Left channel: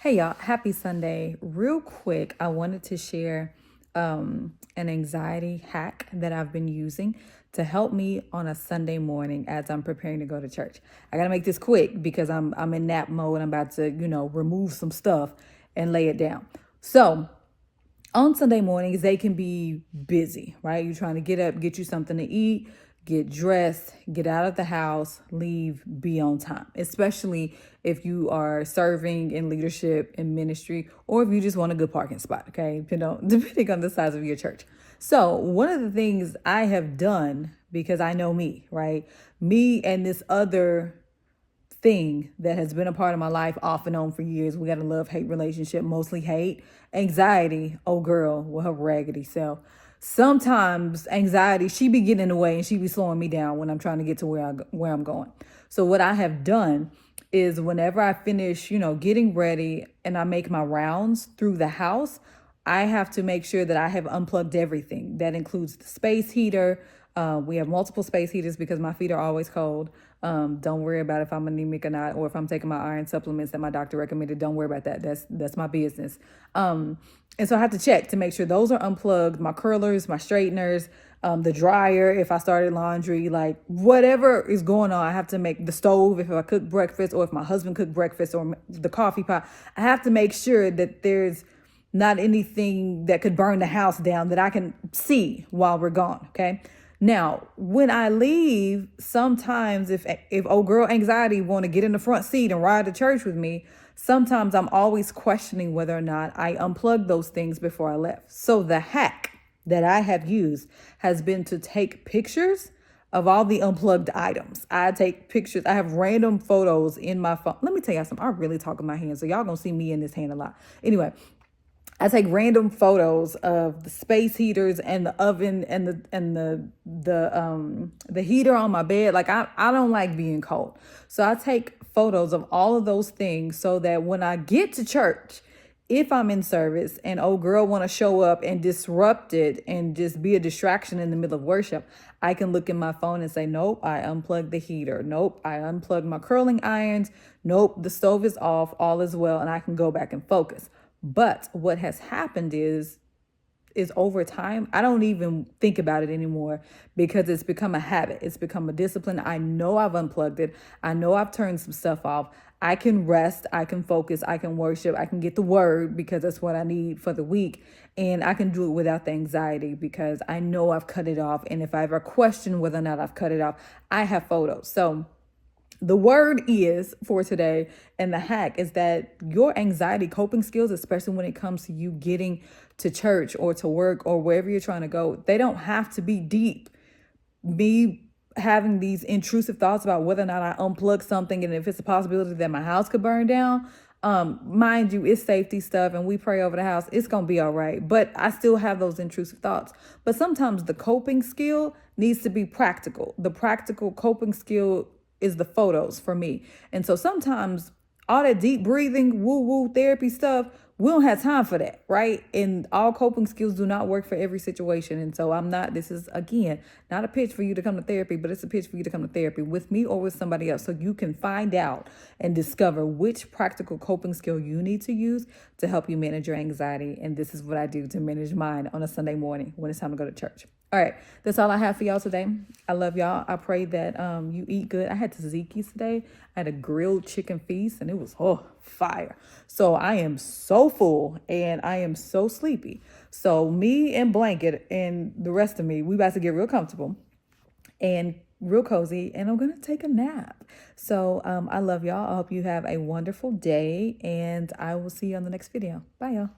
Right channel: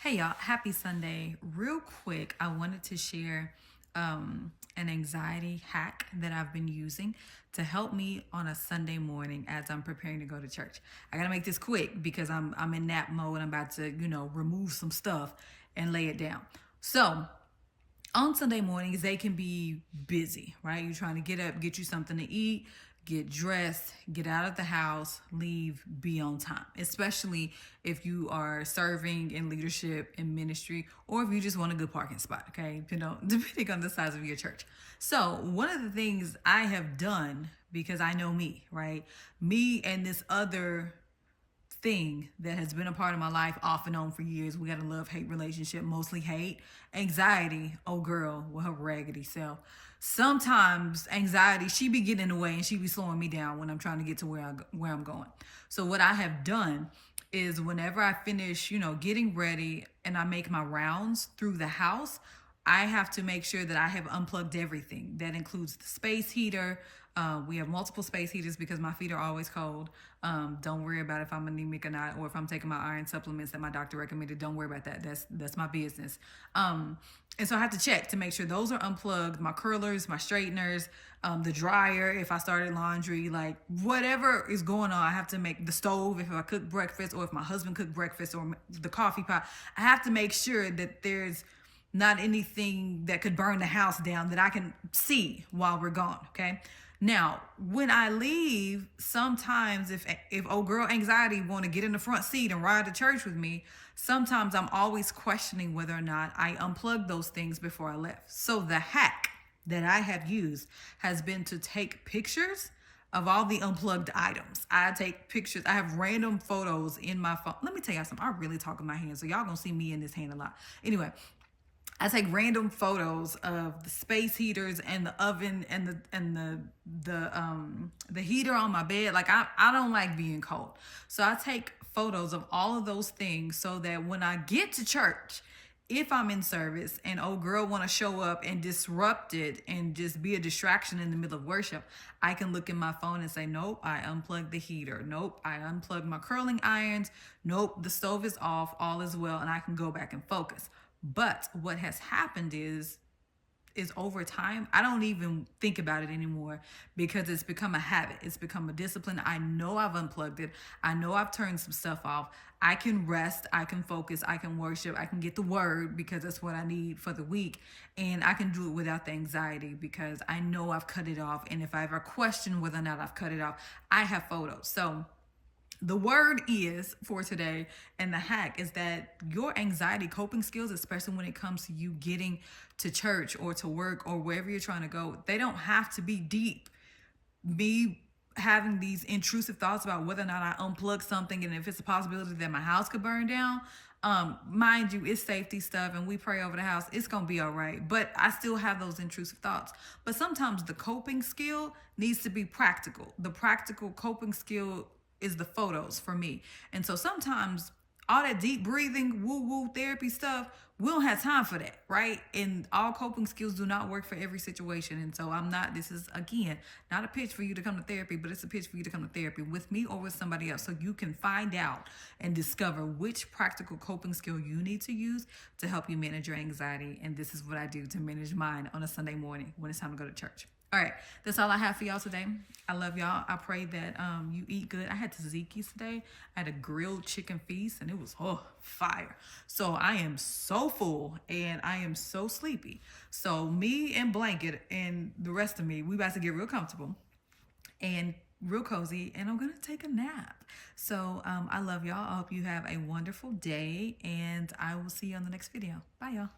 Hey y'all, happy Sunday. Real quick, I wanted to share an anxiety hack that I've been using to help me on a Sunday morning as I'm preparing to go to church. I gotta make this quick because I'm in nap mode. I'm about to, remove some stuff and lay it down. So on Sunday mornings, they can be busy, right? You're trying to get up, get you something to eat, get dressed, get out of the house, leave, be on time, especially if you are serving in leadership in ministry or if you just want a good parking spot, okay? Depending on the size of your church. So, one of the things I have done, because I know me, right? Me and this other thing that has been a part of my life off and on for years. We got a love-hate relationship, mostly hate. Anxiety, oh girl, with her raggedy self. Sometimes anxiety, she be getting in the way and she be slowing me down when I'm trying to get to where I'm going. So what I have done is whenever I finish, getting ready and I make my rounds through the house, I have to make sure that I have unplugged everything. That includes the space heater. We have multiple space heaters because my feet are always cold. Don't worry about if I'm anemic or not, or if I'm taking my iron supplements that my doctor recommended. Don't worry about that. That's my business. And so I have to check to make sure those are unplugged. My curlers, my straighteners, the dryer, if I started laundry, like whatever is going on, I have to make the stove, if I cook breakfast or if my husband cooked breakfast or the coffee pot, I have to make sure that there's not anything that could burn the house down that I can see while we're gone. Okay. Now, when I leave, sometimes if old girl anxiety want to get in the front seat and ride to church with me, sometimes I'm always questioning whether or not I unplugged those things before I left. So the hack that I have used has been to take pictures of all the unplugged items. I take pictures. I have random photos in my phone. Let me tell y'all something. I really talk with my hands, so y'all gonna see me in this hand a lot. Anyway, I take random photos of the space heaters and the oven and the heater on my bed. Like I don't like being cold. So I take photos of all of those things so that when I get to church, if I'm in service and old girl want to show up and disrupt it and just be a distraction in the middle of worship, I can look in my phone and say, nope, I unplugged the heater. Nope, I unplugged my curling irons. Nope, the stove is off. All is well. And I can go back and focus. But what has happened is over time, I don't even think about it anymore because it's become a habit. It's become a discipline. I know I've unplugged it. I know I've turned some stuff off. I can rest. I can focus. I can worship. I can get the word because that's what I need for the week. And I can do it without the anxiety because I know I've cut it off. And if I ever question whether or not I've cut it off, I have photos. So the word is for today, and the hack is that your anxiety coping skills, especially when it comes to you getting to church or to work or wherever you're trying to go, they don't have to be deep. Me having these intrusive thoughts about whether or not I unplug something and if it's a possibility that my house could burn down, mind you, it's safety stuff and we pray over the house, it's gonna be all right. But I still have those intrusive thoughts. But sometimes the coping skill needs to be practical. The practical coping skill is the photos for me. And so sometimes all that deep breathing, woo woo therapy stuff, we don't have time for that, right? And all coping skills do not work for every situation. And so this is again, not a pitch for you to come to therapy, but it's a pitch for you to come to therapy with me or with somebody else so you can find out and discover which practical coping skill you need to use to help you manage your anxiety. And this is what I do to manage mine on a Sunday morning when it's time to go to church. All right, that's all I have for y'all today. I love y'all. I pray that you eat good. I had tzatziki's today. I had a grilled chicken feast, and it was fire. So I am so full, and I am so sleepy. So me and Blanket and the rest of me, we about to get real comfortable and real cozy, and I'm going to take a nap. So I love y'all. I hope you have a wonderful day, and I will see you on the next video. Bye, y'all.